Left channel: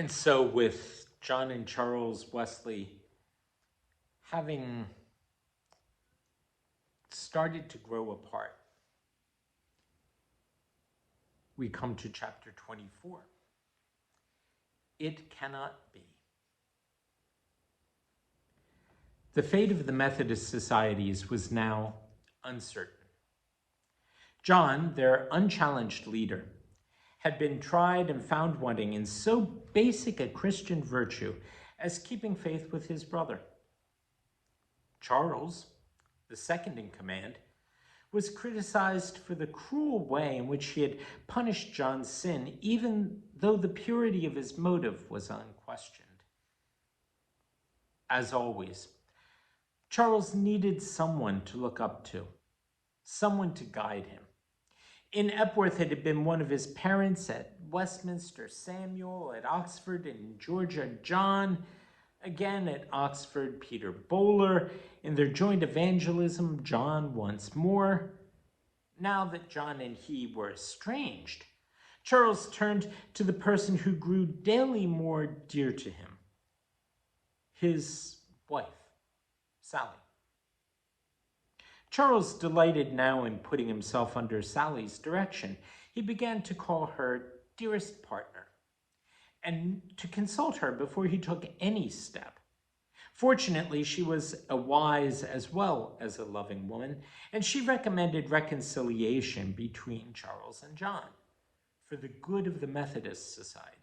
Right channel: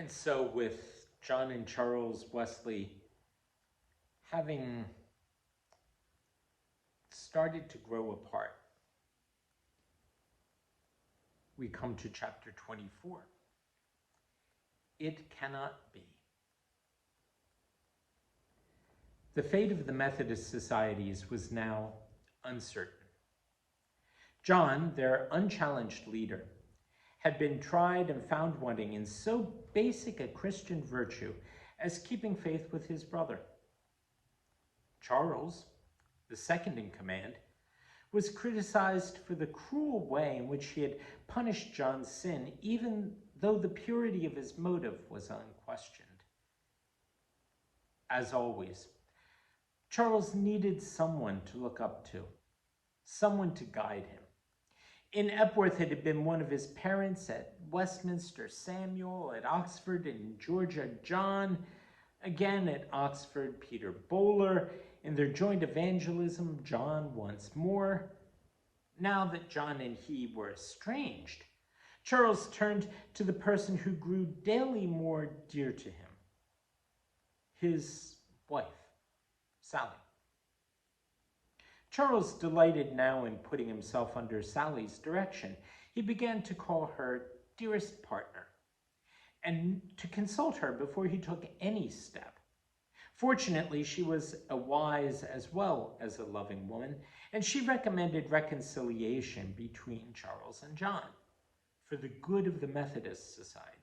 And so with John and Charles Wesley having started to grow apart, we come to chapter 24. It cannot be. The fate of the Methodist societies was now uncertain. John, their unchallenged leader, had been tried and found wanting in so basic a Christian virtue as keeping faith with his brother. Charles, the second in command, was criticized for the cruel way in which he had punished John's sin, even though the purity of his motive was unquestioned. As always, Charles needed someone to look up to, someone to guide him. In Epworth, it had been one of his parents, at Westminster, Samuel, at Oxford, in Georgia, John, again at Oxford, Peter Bowler, in their joint evangelism, John once more. Now that John and he were estranged, Charles turned to the person who grew daily more dear to him, his wife, Sally. Charles delighted now in putting himself under Sally's direction. He began to call her dearest partner and to consult her before he took any step. Fortunately, she was a wise as well as a loving woman, and she recommended reconciliation between Charles and John for the good of the Methodist societies.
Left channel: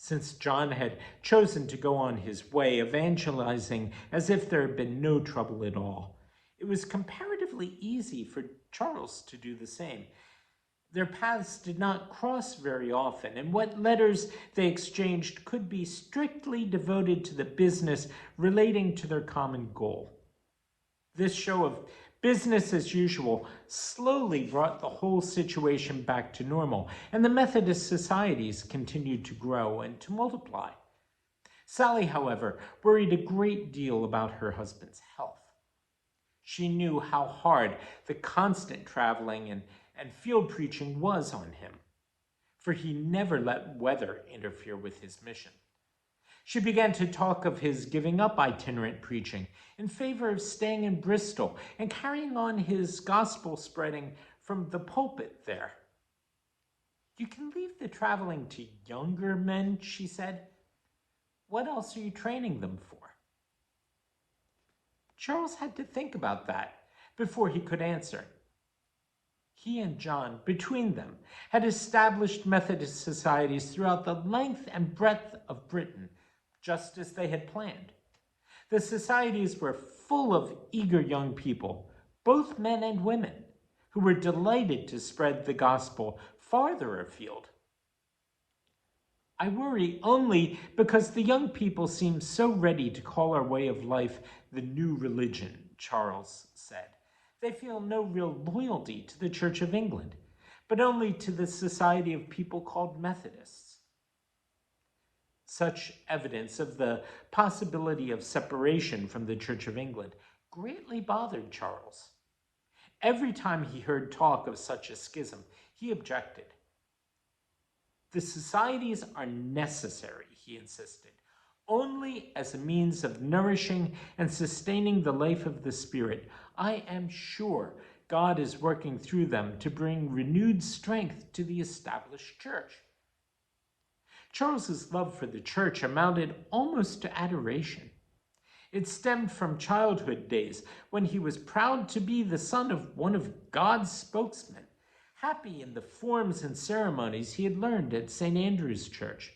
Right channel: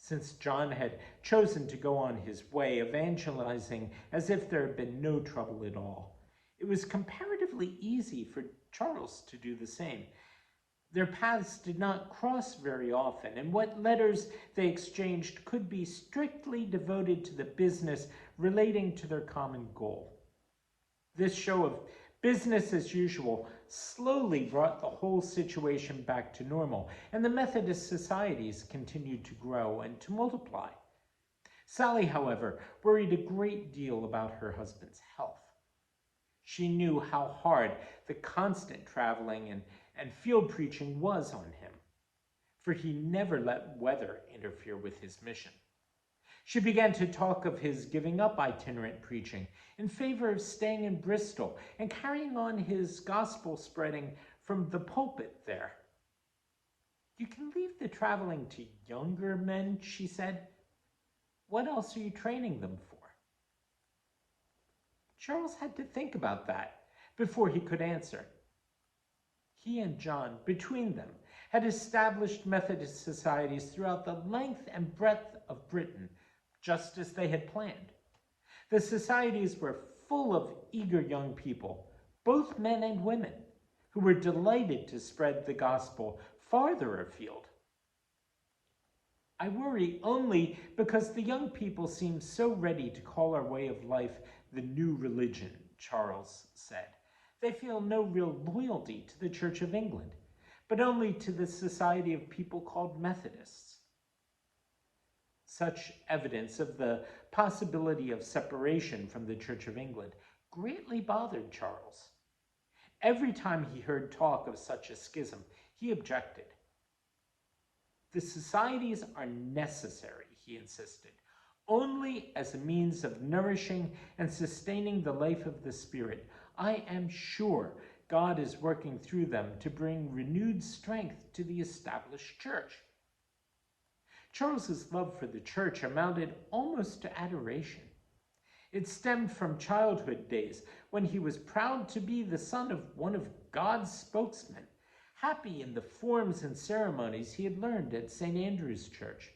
Since John had chosen to go on his way, evangelizing as if there had been no trouble at all, it was comparatively easy for Charles to do the same. Their paths did not cross very often, and what letters they exchanged could be strictly devoted to the business relating to their common goal. This show of business as usual slowly brought the whole situation back to normal, and the Methodist societies continued to grow and to multiply. Sally, however, worried a great deal about her husband's health. She knew how hard the constant traveling and field preaching was on him, for he never let weather interfere with his mission. She began to talk of his giving up itinerant preaching in favor of staying in Bristol and carrying on his gospel spreading from the pulpit there. "You can leave the traveling to younger men," she said. "What else are you training them for?" Charles had to think about that before he could answer. He and John, between them, had established Methodist societies throughout the length and breadth of Britain, just as they had planned. The societies were full of eager young people, both men and women, who were delighted to spread the gospel farther afield. "I worry only because the young people seem so ready to call our way of life the new religion," Charles said. "They feel no real loyalty to the Church of England, but only to the society of people called Methodists." Such evidence of the possibility of separation from the Church of England greatly bothered Charles. Every time he heard talk of such a schism, he objected. "The societies are necessary," he insisted, "only as a means of nourishing and sustaining the life of the Spirit. I am sure God is working through them to bring renewed strength to the established church." Charles's love for the church amounted almost to adoration. It stemmed from childhood days when he was proud to be the son of one of God's spokesmen, happy in the forms and ceremonies he had learned at St. Andrew's Church.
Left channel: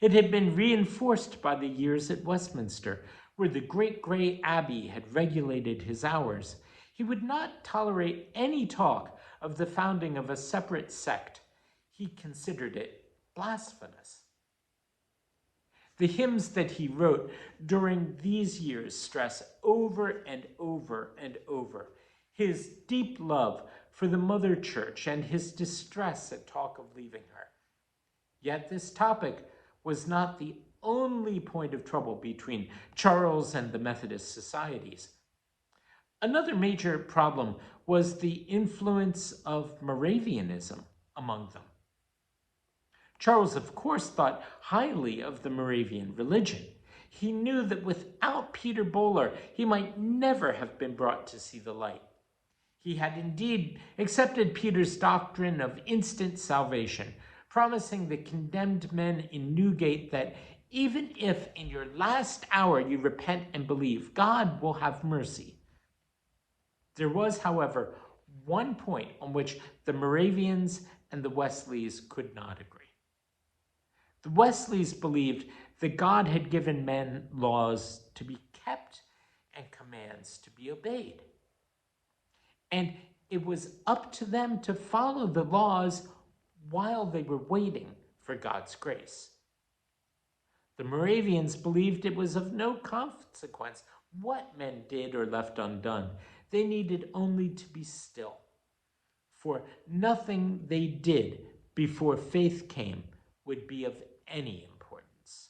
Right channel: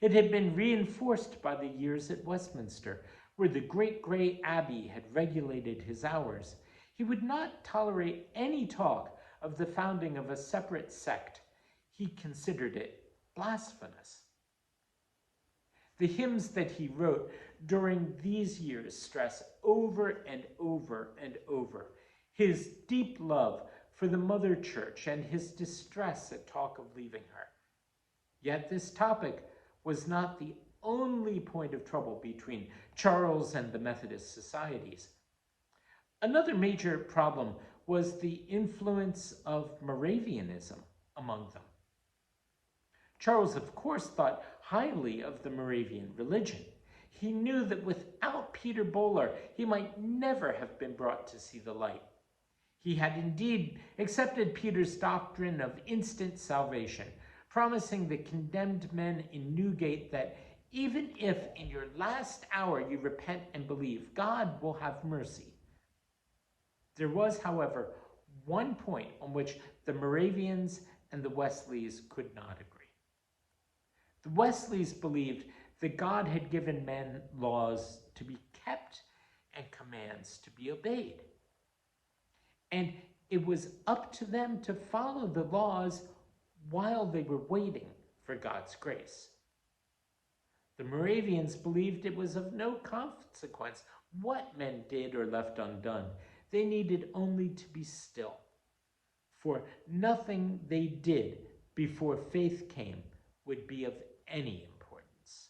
It had been reinforced by the years at Westminster, where the great gray abbey had regulated his hours. He would not tolerate any talk of the founding of a separate sect. He considered it blasphemous. The hymns that he wrote during these years stress over and over and over his deep love for the Mother Church and his distress at talk of leaving her. Yet this topic was not the only point of trouble between Charles and the Methodist societies. Another major problem was the influence of Moravianism among them. Charles, of course, thought highly of the Moravian religion. He knew that without Peter Böhler, he might never have been brought to see the light. He had indeed accepted Peter's doctrine of instant salvation, promising the condemned men in Newgate that even if in your last hour you repent and believe, God will have mercy. There was, however, one point on which the Moravians and the Wesleys could not agree. The Wesleys believed that God had given men laws to be kept and commands to be obeyed. And it was up to them to follow the laws while they were waiting for God's grace. The Moravians believed it was of no consequence what men did or left undone. They needed only to be still, for nothing they did before faith came would be of any importance.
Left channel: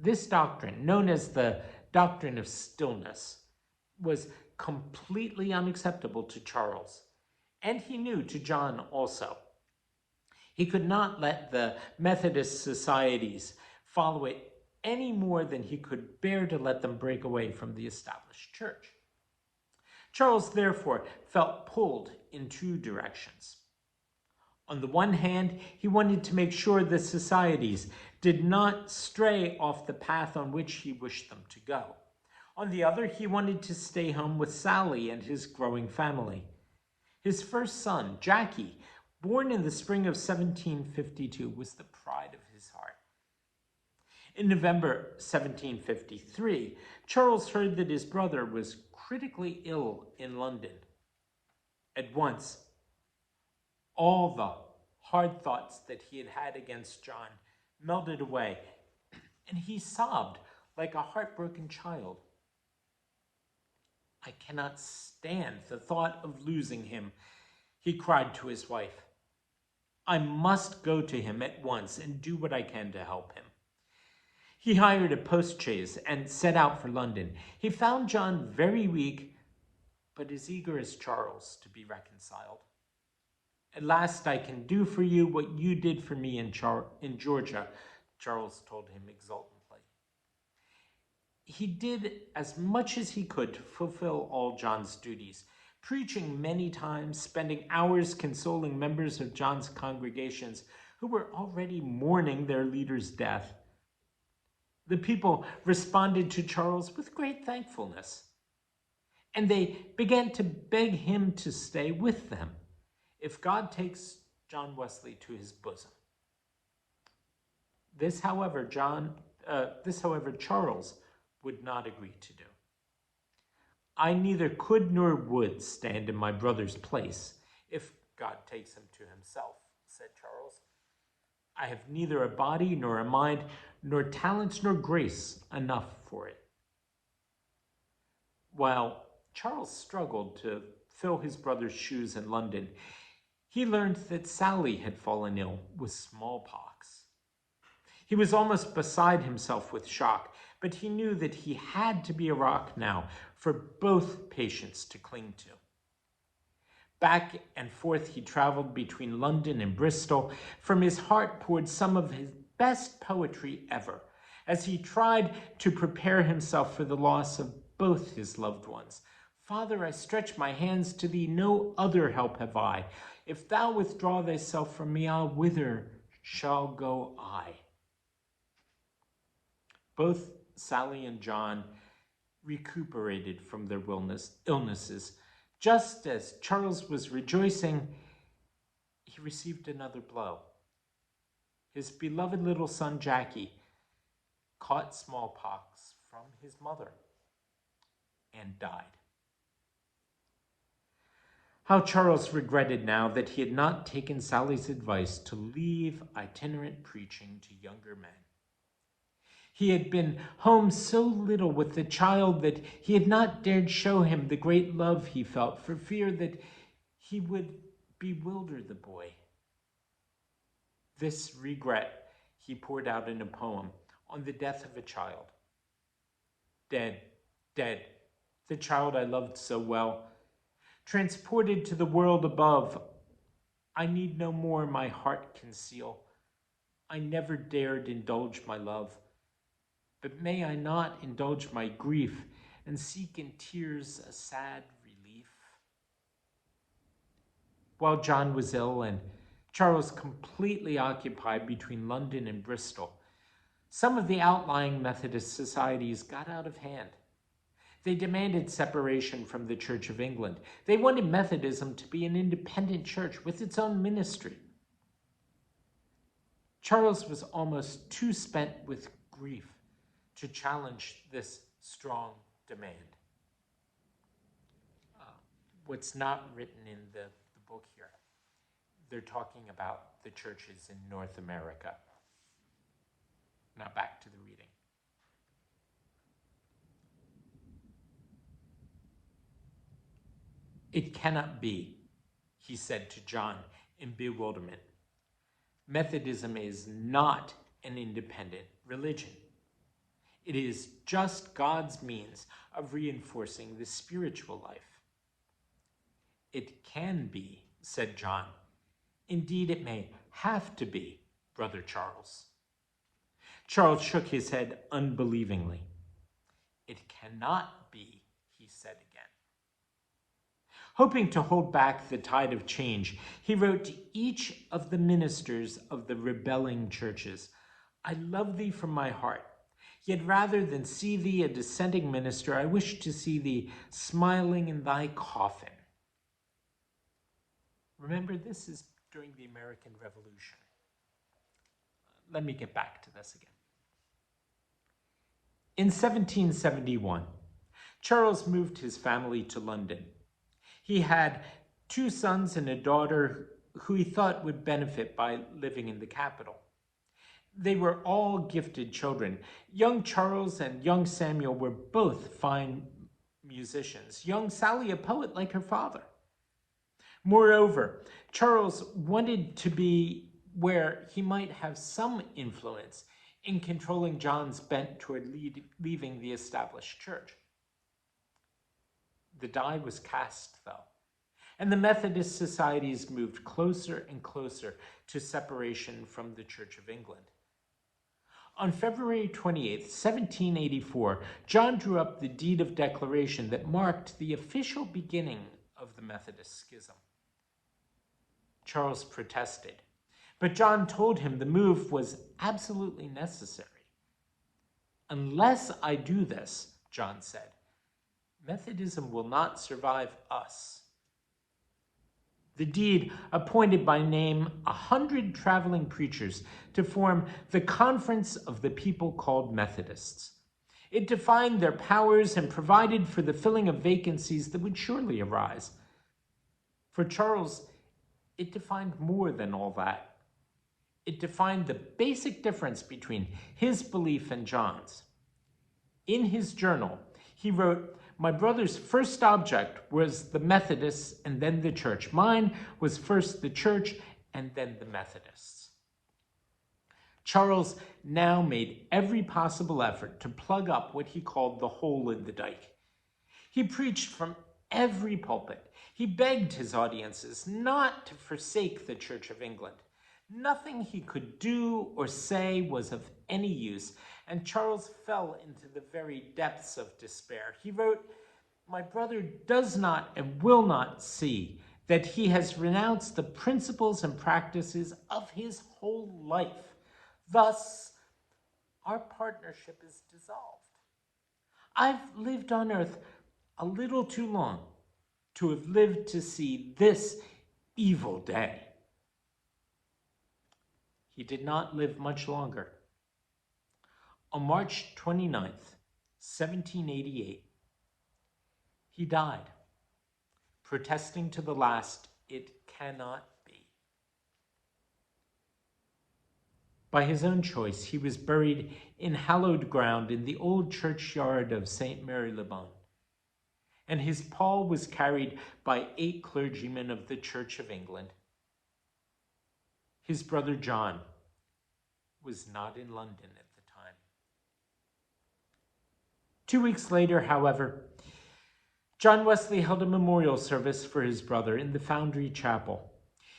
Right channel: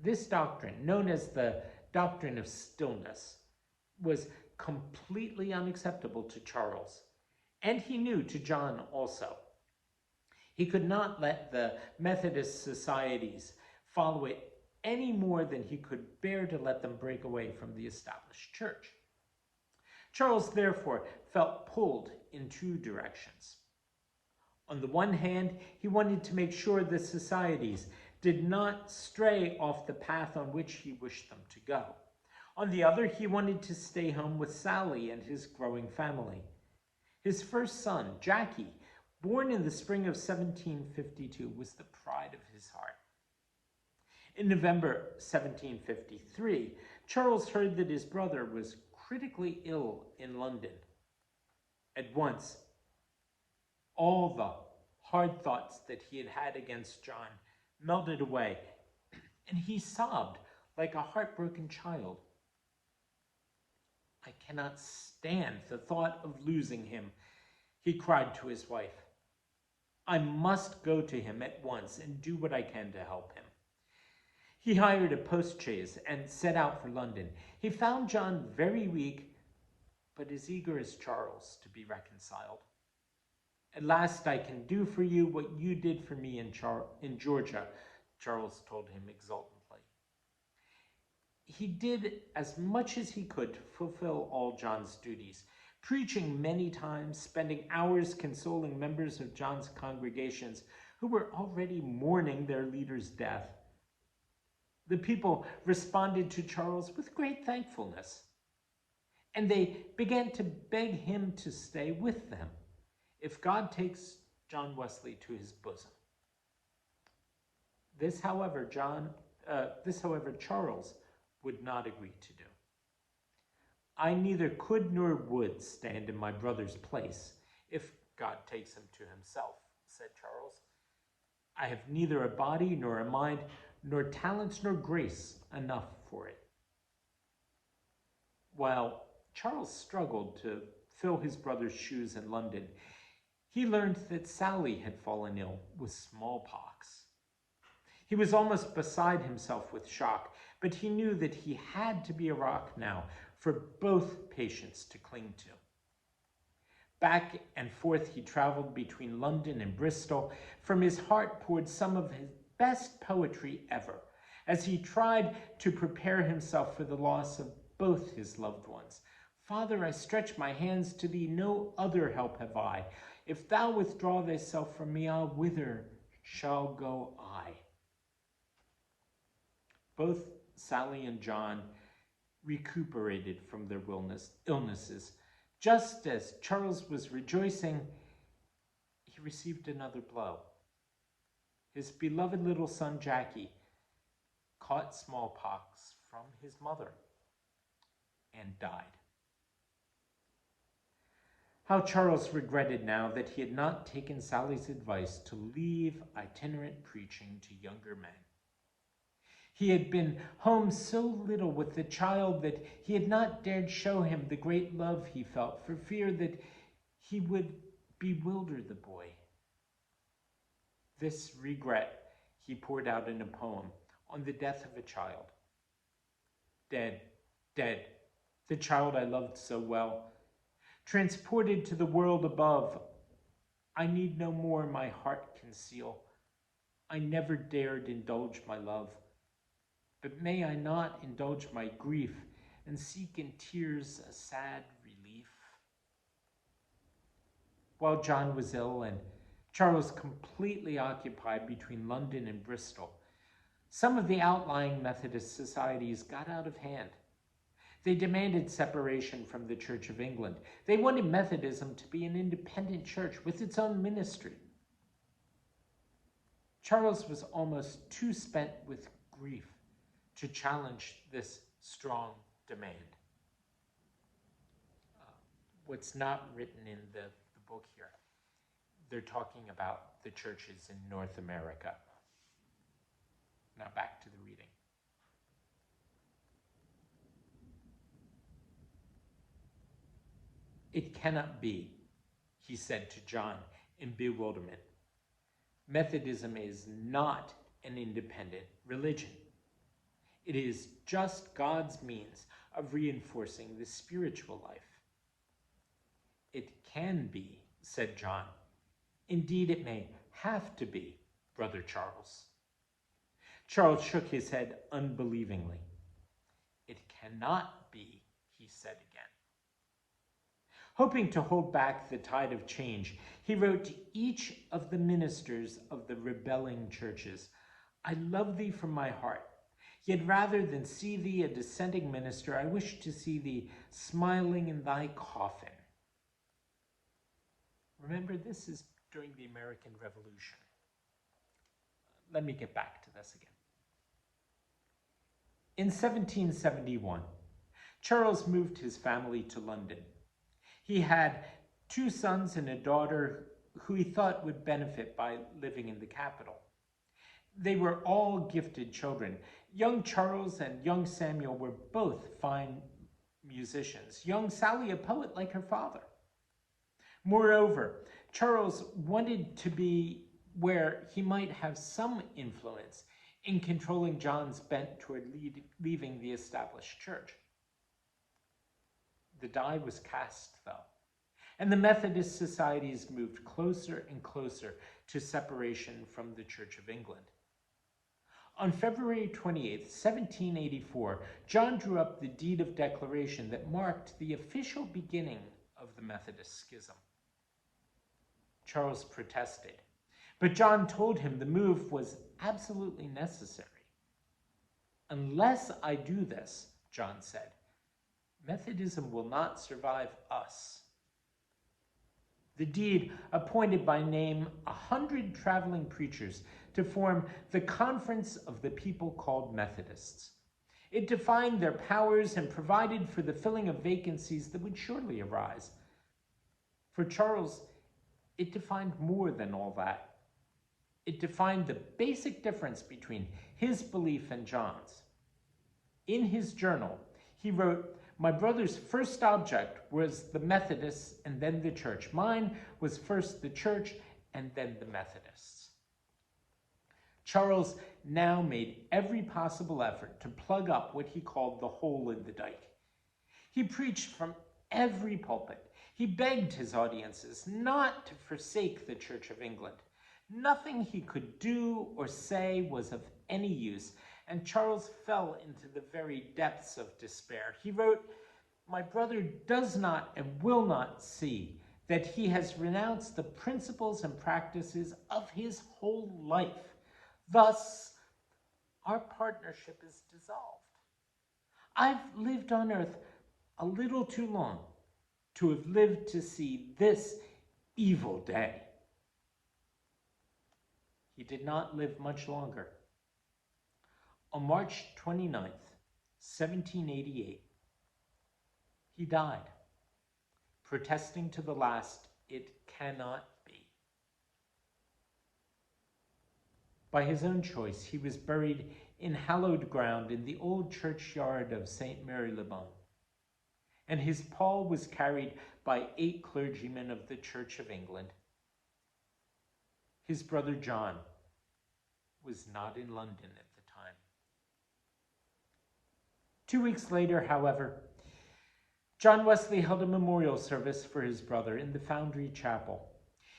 This doctrine, known as the doctrine of stillness, was completely unacceptable to Charles, and he knew to John also. He could not let the Methodist societies follow it any more than he could bear to let them break away from the established church. Charles, therefore, felt pulled in two directions. On the one hand, he wanted to make sure the societies did not stray off the path on which he wished them to go. On the other, he wanted to stay home with Sally and his growing family. His first son, Jackie, born in the spring of 1752, was the pride of his heart. In November 1753, Charles heard that his brother was critically ill in London. At once, all the hard thoughts that he had had against John melted away, and he sobbed like a heartbroken child. "I cannot stand the thought of losing him," he cried to his wife. "I must go to him at once and do what I can to help him." He hired a postchaise and set out for London. He found John very weak, but as eager as Charles to be reconciled. "At last I can do for you what you did for me in Georgia," Charles told him exultantly. He did as much as he could to fulfill all John's duties, preaching many times, spending hours consoling members of John's congregations who were already mourning their leader's death. The people responded to Charles with great thankfulness, and they began to beg him to stay with them if God takes John Wesley to his bosom. This, however, Charles would not agree to do. "I neither could nor would stand in my brother's place if God takes him to himself," said Charles. "I have neither a body nor a mind, nor talents nor grace enough for it." While Charles struggled to fill his brother's shoes in London, he learned that Sally had fallen ill with smallpox. He was almost beside himself with shock, but he knew that he had to be a rock now for both patients to cling to. Back and forth he traveled between London and Bristol. From his heart poured some of his best poetry ever, as he tried to prepare himself for the loss of both his loved ones. "Father, I stretch my hands to thee, no other help have I. If thou withdraw thyself from me, whither shall go I?" Both Sally and John recuperated from their illnesses. Just as Charles was rejoicing, he received another blow. His beloved little son, Jackie, caught smallpox from his mother and died. How Charles regretted now that he had not taken Sally's advice to leave itinerant preaching to younger men. He had been home so little with the child that he had not dared show him the great love he felt for fear that he would bewilder the boy. This regret he poured out in a poem on the death of a child. "Dead, dead, the child I loved so well, transported to the world above, I need no more my heart conceal. I never dared indulge my love, but may I not indulge my grief and seek in tears a sad relief? While John was ill and Charles completely occupied between London and Bristol, some of the outlying Methodist societies got out of hand. They demanded separation from the Church of England. They wanted Methodism to be an independent church with its own ministry. Charles was almost too spent with grief to challenge this strong demand. What's not written in the book here, they're talking about the churches in North America. Now back to the reading. It cannot be, he said to John in bewilderment. Methodism is not an independent religion. It is just God's means of reinforcing the spiritual life. It can be, said John. Indeed, it may have to be, Brother Charles. Charles shook his head unbelievingly. It cannot be, he said again. Hoping to hold back the tide of change, he wrote to each of the ministers of the rebelling churches, I love thee from my heart. Yet rather than see thee a dissenting minister, I wish to see thee smiling in thy coffin. Remember, this is during the American Revolution. Let me get back to this again. In 1771, Charles moved his family to London. He had 2 sons and a daughter who he thought would benefit by living in the capital. They were all gifted children. Young Charles and young Samuel were both fine musicians. Young Sally, a poet like her father. Moreover, Charles wanted to be where he might have some influence in controlling John's bent toward leaving the established church. The die was cast, though, and the Methodist societies moved closer and closer to separation from the Church of England. On February 28, 1784, John drew up the deed of declaration that marked the official beginning of the Methodist schism. Charles protested, but John told him the move was absolutely necessary. Unless I do this, John said, Methodism will not survive us. The deed appointed by name 100 traveling preachers to form the Conference of the People called Methodists. It defined their powers and provided for the filling of vacancies that would surely arise. For Charles, it defined more than all that. It defined the basic difference between his belief and John's. In his journal, he wrote, my brother's first object was the Methodists and then the church. Mine was first the church and then the Methodists. Charles now made every possible effort to plug up what he called the hole in the dike. He preached from every pulpit. He begged his audiences not to forsake the Church of England. Nothing he could do or say was of any use, and Charles fell into the very depths of despair. He wrote, my brother does not and will not see that he has renounced the principles and practices of his whole life. Thus, our partnership is dissolved. I've lived on earth a little too long to have lived to see this evil day. He did not live much longer. On March 29th, 1788, he died, protesting to the last, it cannot be. By his own choice, he was buried in hallowed ground in the old churchyard of St. Mary-le-Bon, and his pall was carried by 8 clergymen of the Church of England. His brother John was not in London at the time. 2 weeks later, however, John Wesley held a memorial service for his brother in the Foundry Chapel.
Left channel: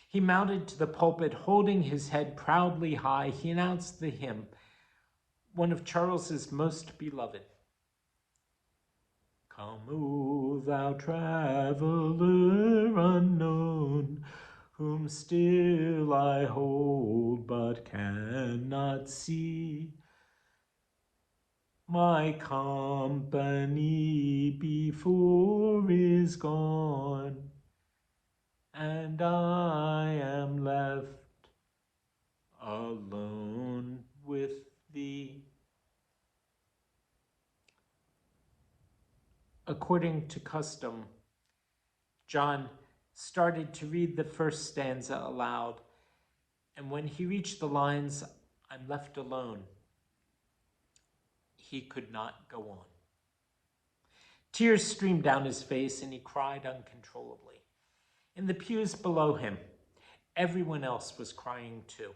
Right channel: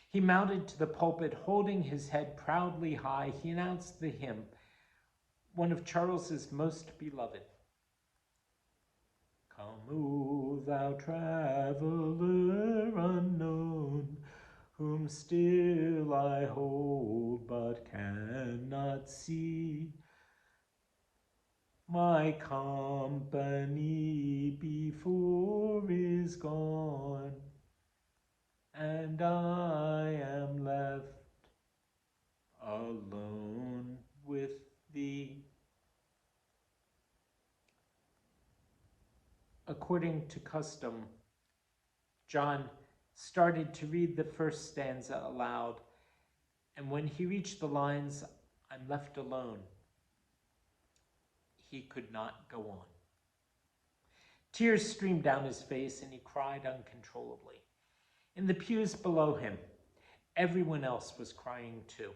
He mounted to the pulpit, holding his head proudly high. He announced the hymn, one of Charles's most beloved. Come, O thou traveler unknown, whom still I hold but cannot see. My company before is gone, and I am left alone with thee. According to custom, John started to read the first stanza aloud, and when he reached the lines, I'm left alone, he could not go on. Tears streamed down his face, and he cried uncontrollably. In the pews below him, everyone else was crying too.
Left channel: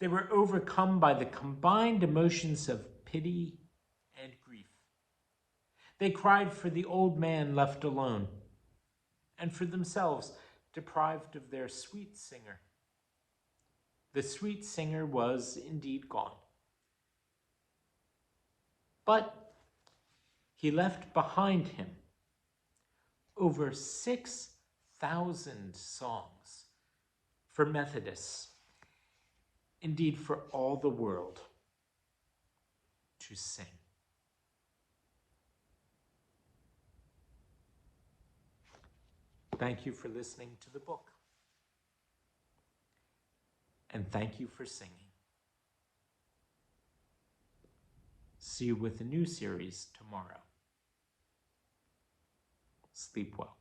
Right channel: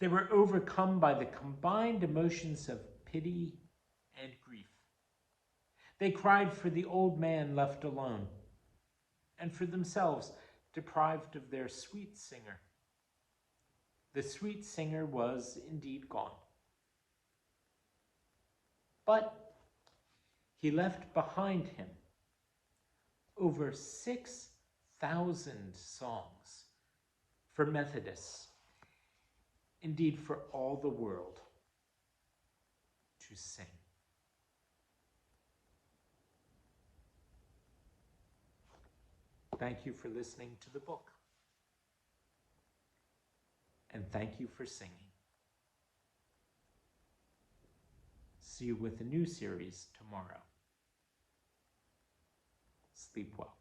They were overcome by the combined emotions of pity and grief. They cried for the old man left alone, and for themselves deprived of their sweet singer. The sweet singer was indeed gone. But he left behind him over 6,000 songs for Methodists, indeed for all the world to sing. Thank you for listening to the book. And thank you for singing. See you with a new series tomorrow. Sleep well.